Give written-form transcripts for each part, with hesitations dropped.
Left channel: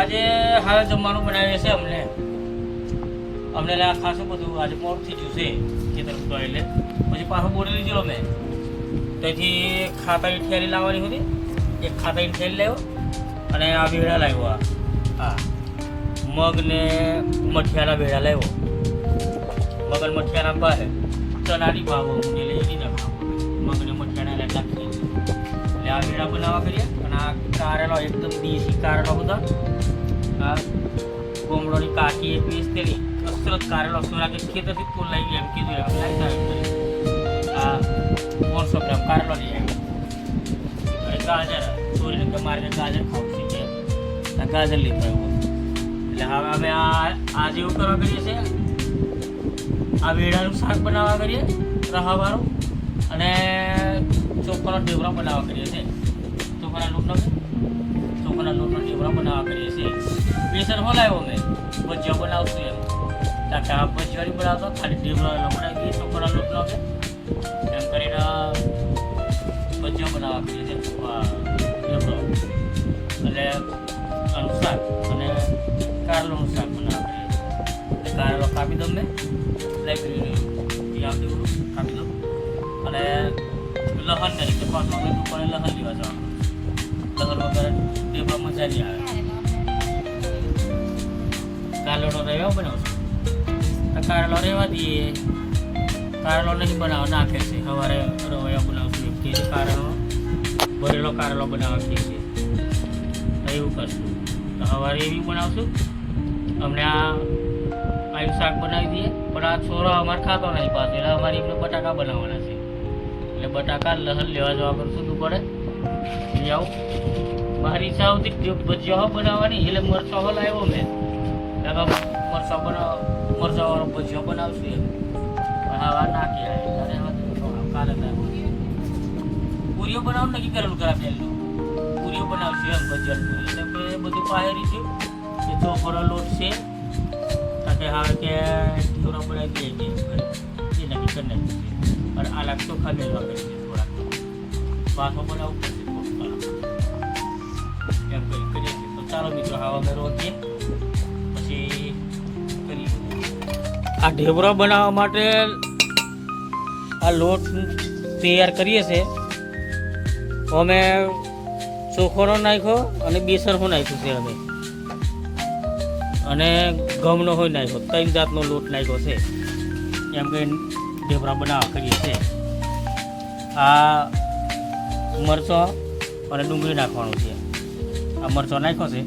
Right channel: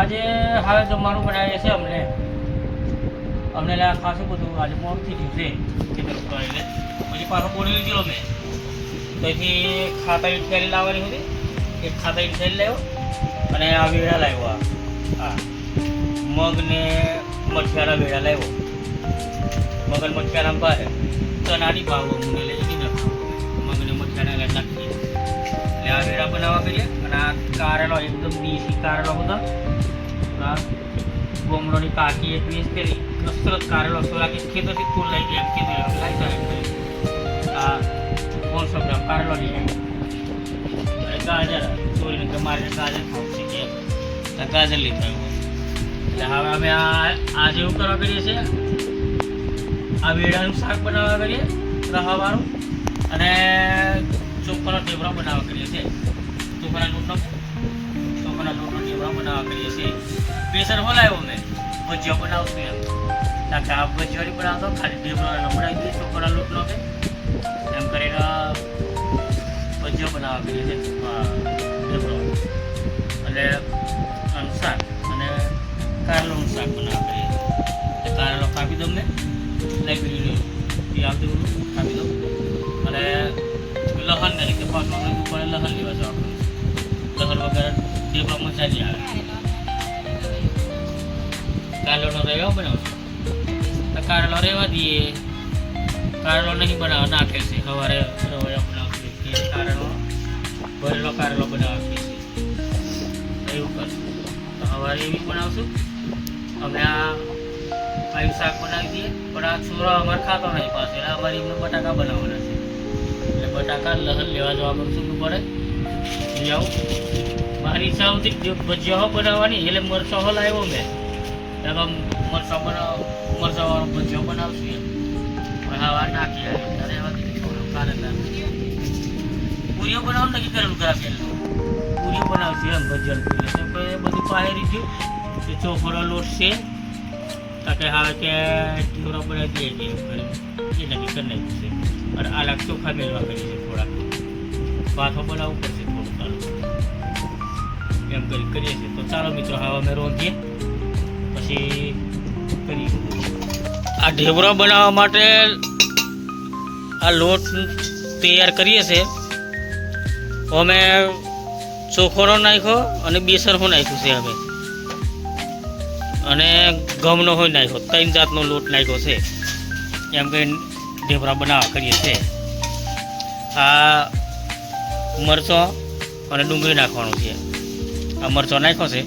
આજે હાલ જમવાનું બનાવીએ છે અમને ખાસું બધું આજે મોડું થઈ ગયું છે ખેતર ઉપર એટલે પછી પાછો બોલી લીધેલો મેં તો અહીંથી ખાતાની થેલી લાવવાની હતી એક ખાતાની થેલી લાવ્યો અને આ વેળા લાવ્યો હા મગ ને મઠિયાના વેળા લાવ્યો મગ અને મઠિયાના ભાવે ચણાની ભાવ મને લઈ દીધા મગ ને મઠિયાના લાગી એટલે આ વેળા બનાવવા કરીએ અને આ કારેલો એકદમ દેશી કારેલો બધો આ ગોમડોની પાકી એક વીસ પેલી કસરત કારેલો સોરાકી ખેતરથી ફૂલ લઈ ગયા એમ કીધું એમ લાવી જાય આ 500 ગ્રામ કારેલો લઈ આવ્યો ગાજર ચોરીને કે મારે ગાજર ખાવું છે કે ગાજર લીધા એટલે હવે અમે આજે એવું કરવા કરીએ છીએ આ વેડાનું શાક બનાવવા કરીએ રહાવાળું અને ચોખાનો ઢેબરો બનાવવા કરીએ છીએ ચોખાના લોટનો ઢેબરો બનાવવા કરીએ છીએ બેસન બોલાવ્યો મેં ભજીયા બનાવશું એમ તાકે આ ભજીયાની બનાવતો ખાલી ઢેબરો બનાવી દઈએ ચોખાના લોટનો કે એમ કરીને ભજીયા બનાવવા કરીએ છીએ ઢેબરો એટલે આનું શાક અને કારેલાનું શાક બનાવવા કરીએ છીએ કારેલો કાપી દઉં મેં લાગી એ આવતી બધું કાપી દઉં અને લહણ નહીં કે 5 વાગે દુકાને લહણ લેવા જવાનું લહણ વગર ઢેબરો મજા નહીં આવે કારેલાનો રેવા બનાવશું તો કારેલો રહેવા દઈએ કારેલો નહીં બનાવવા નાખે છે સવારે રવૈયા બનાવશું કે કારેલો ભરેલો કારેલો બનાવવા છીએ એવું કરશું તો સવારે એવી બનાવશું અમને આવું શાક બનાવી દઈએ પણ આ છોરા અમારે ખાતો નહીં પાસે એટલે અમારે એમને બટાકા બનાવવાના છે એટલે બટાકા લહણ લેવા જવા કરશું દુપારે લઈ આવું મારી ઈચ્છા હતી ભજીયા બનાવવાની એટલે મરચાં લાવ્યો મેં મરચાવાળો ભજીયો બનાવશું એમ પણ હવા નાખી ત્યારે કારેલા પૂરીઓ બનાવવાનું નક્કી કરેલું ખરા પહેલું પૂરીઓ બનાવશું એમ ભજીયા પૂરીઓ બધું પાહેરી થયું કે ચોખોનો લોટ છે તાકે હવે કે ઢેવરો બનાવી દઈએ એમ કરી એ નક્કી કરી નાખ્યું છે અને આલા ચોખા મેળવા કરી છે થોડાક પાથો બનાવવું પડશે થોડું એમ કરીએ છીએ તો ચાલો મિત્રો હવે અમે રોંધીએ પછી કરી આ ઢેબરો બનાવવા માટે આ લોટ તૈયાર કરીએ છીએ અમે ચોખોનો નાખ્યો અને બેસન નાખ્યું છે અમે અને ઘઉંનો હોય નાખ્યો 3 જાતનો લોટ નાખ્યો છે એમ કે ઢેબરા બનાવવા કરીએ છીએ આ મરચો અને ડુંગળી નાખવાનું છે આ મરચો નાખ્યો છે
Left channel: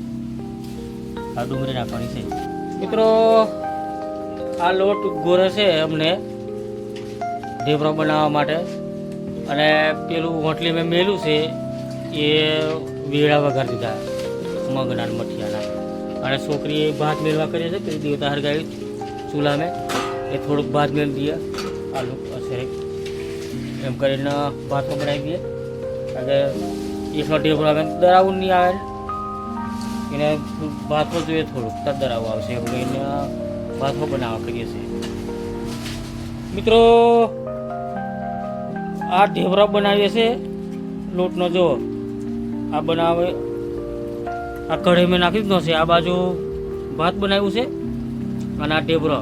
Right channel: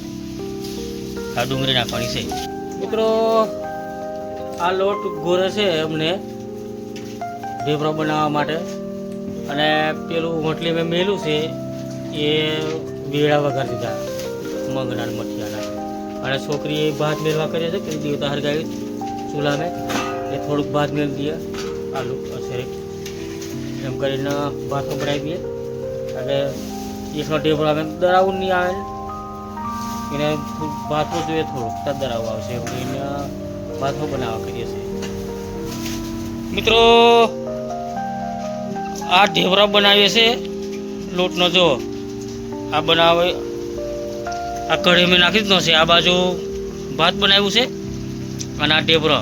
આ ડુંગળી નાખવાની છે મિત્રો આ લોટ ગોરે છે અમને ઢેબરો બનાવવા માટે અને પેલું હોટલી મેં મેલું છે એ વેળા વઘાર દીધા મગના મઠિયાના અને છોકરીએ ભાત મેળવા કરીએ છે તે દેવતા હરગાવી ચૂલાને એ થોડુંક ભાત મેળ દઈએ આલુ અસરે એમ કરીને ભાતો બનાવી દઈએ અને એનો ઢેબરો આવે દરાવું નહીં આવે એને ભાતો જોઈએ થોડુંક તર દરાવું આવશે એમ કરીને ભાતો બનાવવા કરીએ છીએ મિત્રો આ ઢેબરો બનાવીએ છીએ લોટનો જો આ બનાવે આ કઢી મેં નાખી દીધો છે આ બાજુ ભાત બનાવ્યું છે અને આ ઢેબરો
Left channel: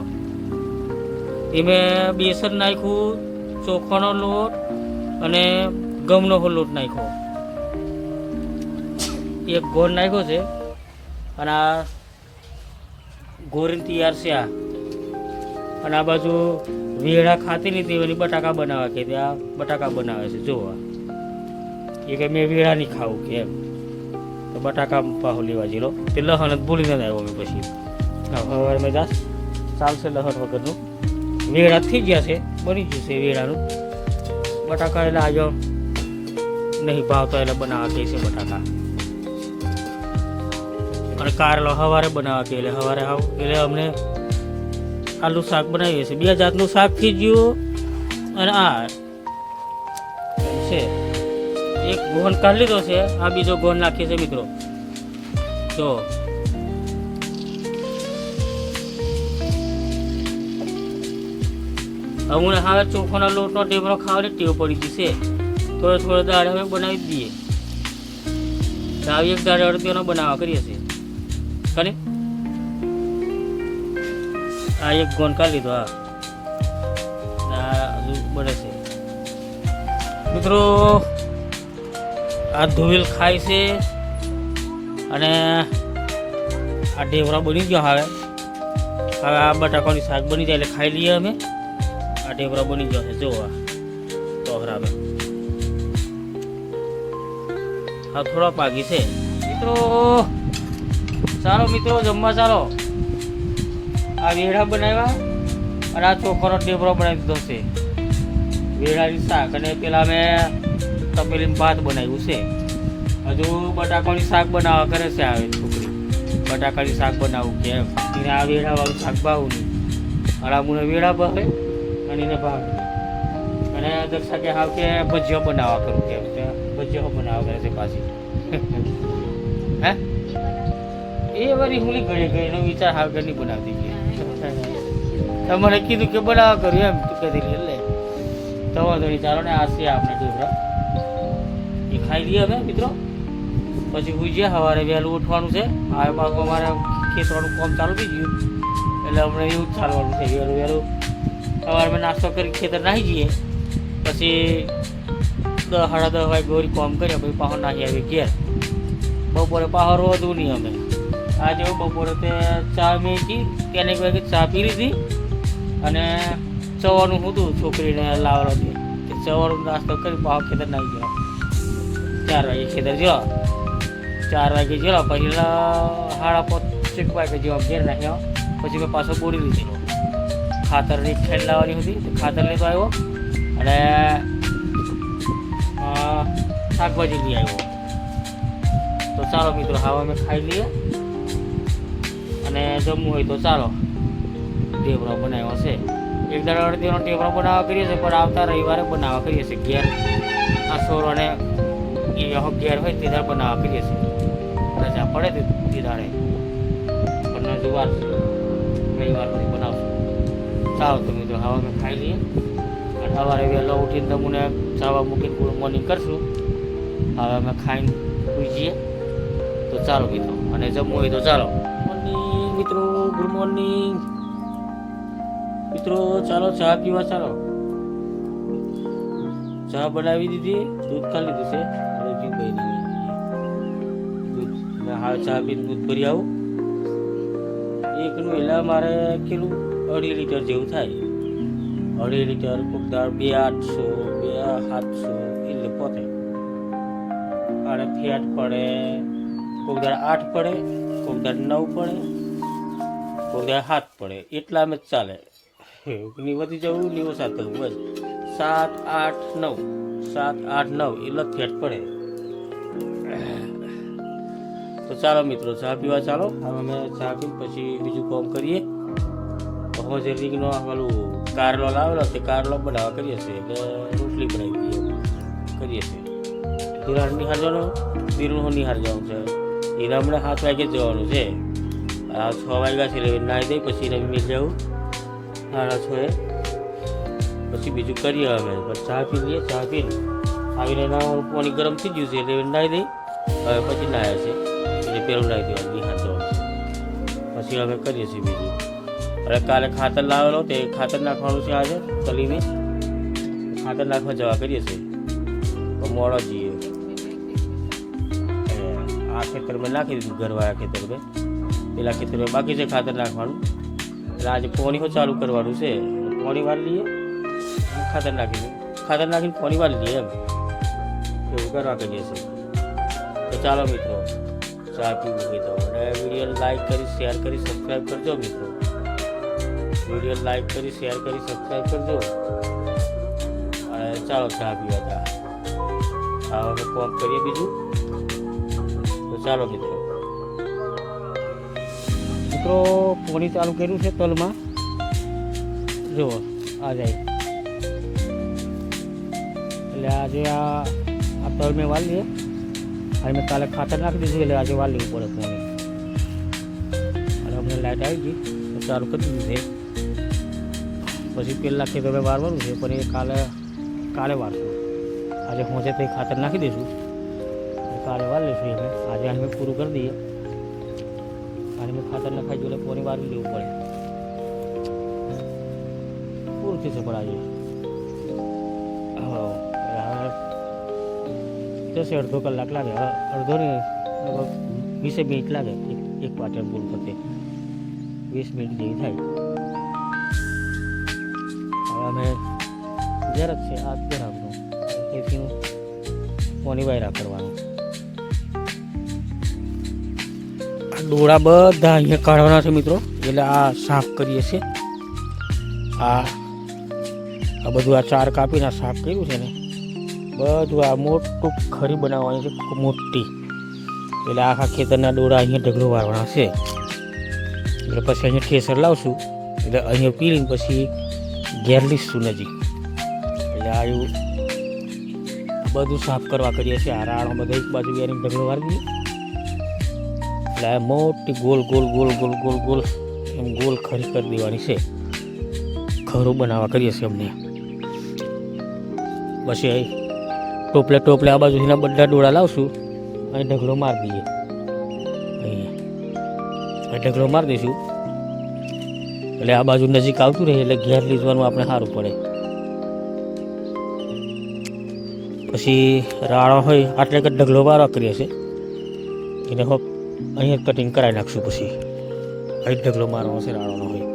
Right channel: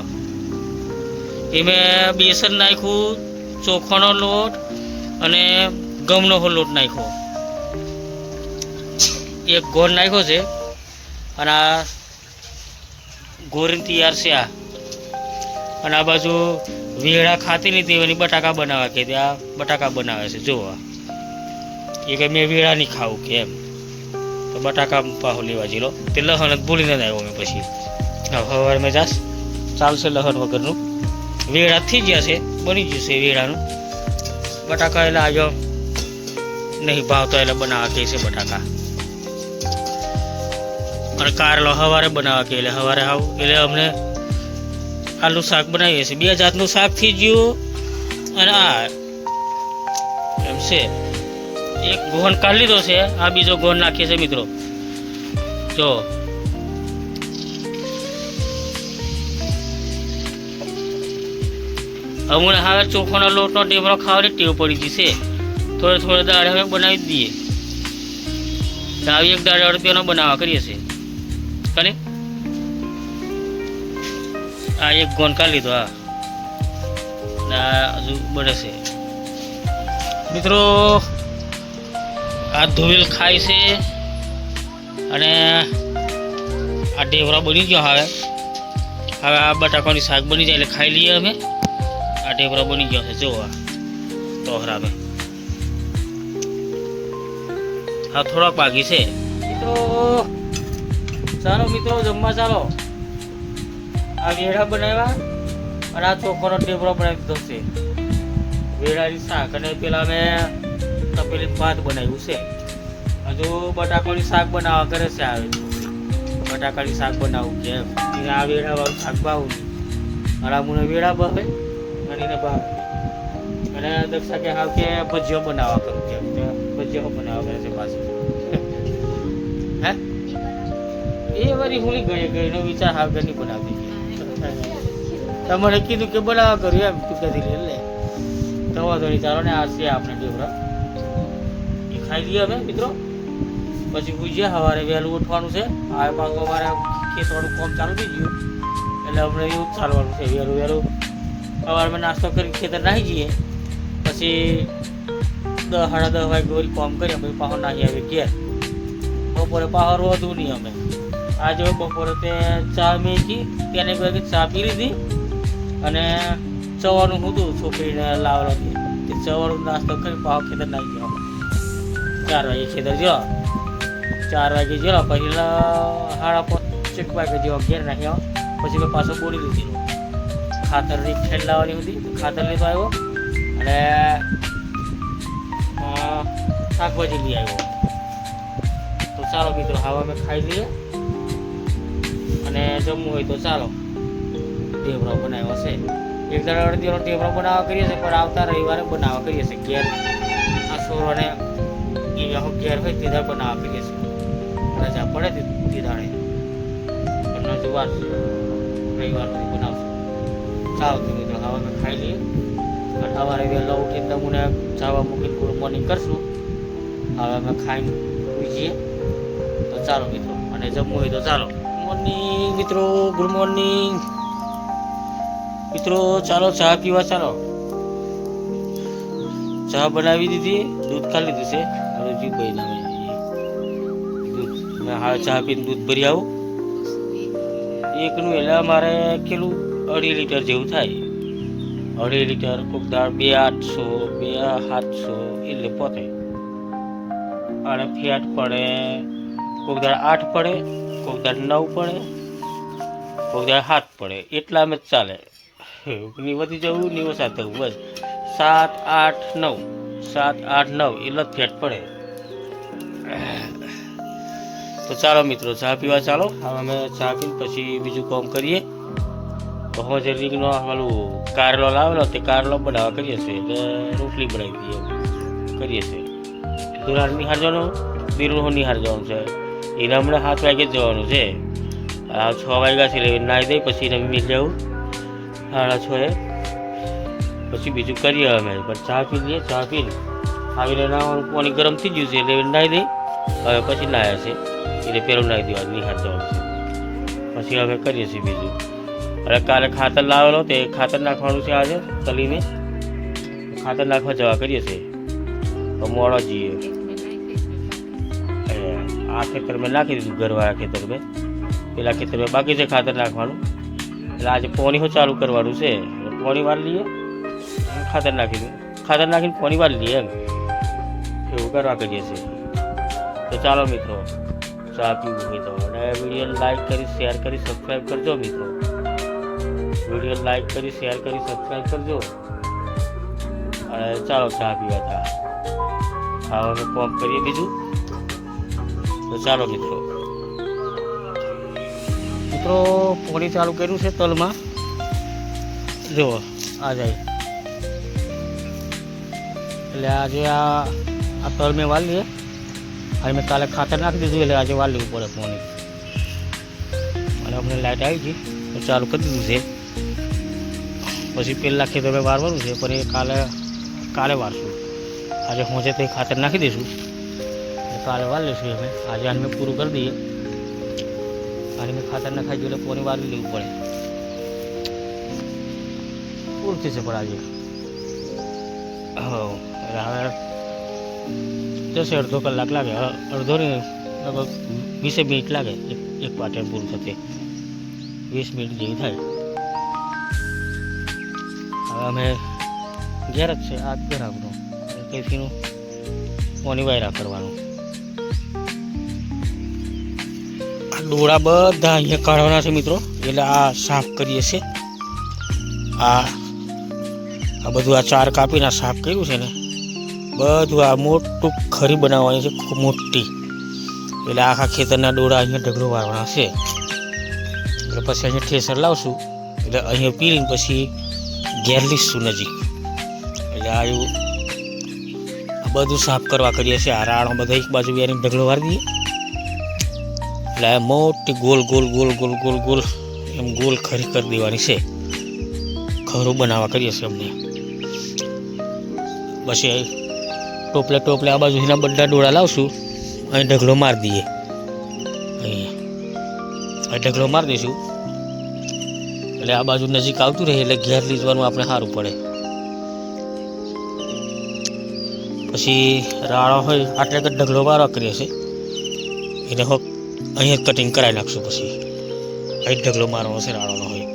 એમાં બેસન નાખ્યું ચોખાનો લોટ અને ઘઉંનો લોટ નાખ્યો એક ગોળ નાખ્યો છે અને આ ગોરીને તૈયાર છે આ અને આ બાજુ વેળા ખાતી નહીં તેની બટાકા બનાવવા કે ત્યાં બટાકા બનાવે છે જોવા એ કે મેં વેળા નહીં ખાવું કે એમ તો બટાકા પાહો લેવા જેલો તે લહણ જ ભૂલીને આવ્યો મેં પછી હવે મેં જાસ ચાલશે લહણ વગરનું વેળા થઈ ગયા છે બની જશે વેળાનું બટાકા એટલે આવ્યો નહીં ભાવતો એટલે બનાવવા કહે છે બટાકા અને કારેલો સવારે બનાવવા કે એટલે સવારે આવું એટલે અમને આલુ શાક બનાવીએ છીએ 2 જાતનું શાક થઈ ગયું અને આ એમ છે એક ગોહન કાઢી લીધો છે આ બીજો ગોહન નાખીએ છીએ મિત્રો જો અમને હવે ચોખાનો લોટનો ઢેબરો ખાવાની ટેવ પડી ગઈ છે થોડો દાળ હવે બનાવી દઈએ આવી એક દાળ અડદિયાનો બનાવવા કરીએ છીએ કને આ એક ગોન કાઢી લીધો. હા ના હજુ બળે છે મિત્રો. આ ધોવેલ ખાય છે અને આ ઢેવરા બની ગયો. હવે આ બટાકાની શાક બની જાય એટલે ખાઈ લઈએ અમે. આ ઢેવરા બની ગયો છે જો આ ટોહરા અમે. હા થોડાક બાકી છે મિત્રો. ચાલો મિત્રો જમવા ચાલો. આ વેડા બનાવ્યા અને આ ચોખાનો ઢેબરો બનાવી દીધો છે. વેડાની શાક અને પેલા મેં તપેલીનું ભાત બનાવ્યું છે. હજુ બટાકાની શાક બનાવવા કરે છે આ છોકરી. બટાકાની શાક બનાવવું કે એમ આ વેડાવાળું શાક ભાવું નહીં. અને મને વેડા ભાવે અને એને ભાવે. અને દર્શા કે હાવ કે ભજીયો બનાવવા કરું કે ભજીયો બનાવવા કરે છે પાછું. હે એ વારી હુલી ગઈ એનો વિચાર હાવ ઘરની બનાવતી હતી. મને કીધું કે બનાવવા કર્યું એમ તું કદી એટલે તો વાંધો નહીં. ચાલો ને આ છે આપણે ઢેબરા એ ખાઈ લઈએ અમે મિત્રો. પછી હું જે સવારે વહેલું ઉઠવાનું છે. હવે પાછું અમારે ખેતવાનું કામ ચાલુ થઈ ગયું એટલે અમને એવું જ ચાલવાનું છે. વહેલું સવારમાં નાસ્તો કરી ખેતર નાહી જઈએ. પછી 10 સાડા 10 વાગે ગોરી કામ કરીએ. પછી પાછો નાહી આવી ઘેર. બપોરે પાછો રોધવું નહીં અમે. આજે બપોરે તે ચા મેથી તેને વાગે ચા પી લીધી અને સવારનું હતું છોકરીને લાવવાનું કે સવારનો નાસ્તો કરી પાછો ખેતર નાહી ગયો. 4 વાગે ખેતર જો 4 વાગે જો પછી 5:30 વાગે જેવો ઘેર નાખ્યો. પછી મેં પાછો બોરી લીધેલો ખાતરની ખેડ લાવવાની હતી. ખાતર લેતો આવ્યો અને શાકભાજી લઈ આવ્યો. તો ચાલો મિત્રો હવે અમે ખાઈ લઈએ અને જમવું હોય તો ચાલો. ઢેબરો બનાવ્યો છે. એક દાડો અડધીનો ઢેબરો બનાવવા કરીએ છીએ પણ આવતા રવિવારે બનાવવા કરીએ છીએ. ઘેર આસોર અને ઘેર હોય તે દાડે બનાવવા કરીએ છીએ. રજા પડે તે દાડે પણ હજુ વાર રવિવાર પછી બનાવશું. ચાલો તો મિત્રો હવે અમે ખાઈ લઈએ અને સવારે વહેલા ઉઠીને તમને જવા મૂકીને ગુડ મોર્નિંગ કરશું. હવે અમે ખાઈને સુઈ જઈએ. તો ચાલો મિત્રો અને જમવું હોય તો ચાલો. મોર્નિંગ મિત્રો, ગુડ મોર્નિંગ મિત્રો. ચાલો ચા પીવા ચાલો. ચા બનાવી દીધી, દૂધ ખાલી લીધું છે અને જીવ ગઈ ના દૂધ. હા ચા પીને દૂધ ભરી આવું એકનું. એટલે મારે કેટલું 2.5 લીટર જેવું થાય. 2.5 લીટર કોઈક દાળ 2.800 2.700 એટલે પોતે. અને ફેટ પડે કોઈક દાળ 8 પડે, કોઈક દાળ 9 પડે, કોઈક દાળ 7 પડે. એટલા અમે ચાલે. ની વધી જવું ની ઓછા થવું બસ 7 8 9 7 8 9 એટલે ફેટ પડે. તો ચાલો મિત્રો ચા પીવા ચાલો. હવે અમે ચા પીને પછી બીજું કામ કરીએ. હવે જે રીંગનો પેલું કારેલો લાવેલો તે કારેલો બનાવવા કરીએ છીએ એટલે રોટલી બનાવી દઈએ કરીએ છીએ. દુરાર નિહાર જવાનું, બીરું નિહાર જવાનું છે. એને હમણાં 7 વાગે જવાનું છે. 6 વાગ્યા છે એટલે નાહી દઈ પછી એને મિલ જવું 6:30. પછી બીજું કરીએ અમે. પણ ચા પી લઈએ. ચા પીને આવીને નાવાનું પાણી ગરમ થઈ ગયું છે એટલે નાહી દઈ. હવે પછી નાહ્યા છે એટલે પેલું નાહી દેવાનું નિહાર જવાનું છે. પછી અમે કરીએ છીએ બીજું. એટલે કાલે ખાતર લાવેલો તે ખાતર નાખવાનું છે. આજે તલીને ખાતર નાખવા જવા કરીએ છીએ તો મોડો જઈએ. આ ખેતર મેં નાખી દીધું ઘરવાળા ખેતર મેં. પેલા ખેતર મેં બાકી છે ખાતર નાખવાનું. એટલે આજે પોણી ચાલુ કરવાનું છે. પોણી વાર લઈએ ખાતર નાખી દઉં. ખાતર નાખીને પોણી વાર લઈએ એમ એવું કરવા કરીએ છીએ. તો ચાલો મિત્રો ચા પીવું હોય તો અને વિડીયો લાઈક કરી શેર કરી સબસ્ક્રાઈબ કરજો મિત્રો. વિડીયો લાઈક કરી શેર કરી સબસ્ક્રાઈબ કરજો. અને ચાલો ચા પીવા હતા. હવે અમે કોમ કરીએ બીજું. તો ચાલો મિત્રો પોણી ચાલુ કર્યું છે તલમાં. જુઓ આ જાય એટલે આજે આ તલ મેં વાળ લઈએ. આજે મેં કાલે ખાતર નાખી દીધું એટલે આજે વાળ લેવું પડે પોણી. અને અમને લાઇટ આવી ગઈ તો ચાલુ કરી દીધું છે. પછી પહેલાં ખેતર મેં વારવાનું છે પણ એ કાલે વારશું. આજે હોંચે તો ખાતર નાખી દઈશું એટલે કાલે વાર લઈશું અમે. આજે આને પૂરું કરી દઈએ અને મેં ખાતર નખાઈ ગયું એટલે પોણી વાળવી લેવું પડે. પૂરું થશે પણ આજે હવે જશે અડધો કલાક લાગે, અડધો ને લગભગ 20 મિનિટ લાગે એક પાટણ પૂરું થશે, 20 મિનિટ જેવી થાય. હવે અમે ઘેર જ છે, આ ઘર આપણું કઈથીનું પોની વાયરા કરવાનું. આ ડોળા બધા અહીંયા કાઢવાના છે મિત્રો, એટલે આ સાફ કરીએ છીએ. આ બધું આ ચાર કાપીને સાફ કર્યું છે ને બધું આ મોટું ખરી બનાવવાની છે, ખૂબ મોટી. એટલે આખા ખેતરના ડોળા અહીંયા ઢગલો વાળવાના છે. એટલે પછી અહીંયા ઠેસર લાવશું, એટલે અહીંયા પીને પછી ઘેર લીધશું નજીક. એટલે આ એવું બધું સાફ કરવા કરીએ છીએ. આ રાણો બધા એક બાજુ એની ઢગલો વાળી દઈએ, એટલે આ મોટી ગોલ ગોલ ગોલ ગોલ ગોલ ગોલ એમ ગોલ ખરી કરી દેવાની છે. ખરું બનાવવા કરીએ છીએ અમને. પછી ટોપલે આ બાજુ એના બધા ડોળા લાવશું, અહીં ઢગલો મારી દઈએ. અહીંયા ઢગલો મારી દઈશું એટલે આ બાજુ નજીક આવતું રહે, એટલે ઘેર લીધવાનું આપણે સારું પડે. પછી રાણો હોય આટલે કે ઢગલો વાળવા કરીએ છીએ, એને હોક અહીંયા કટિંગ કરાવી નાખશું. પછી અહીં ઢગલો મારવાનો છે રાણોનો હોય.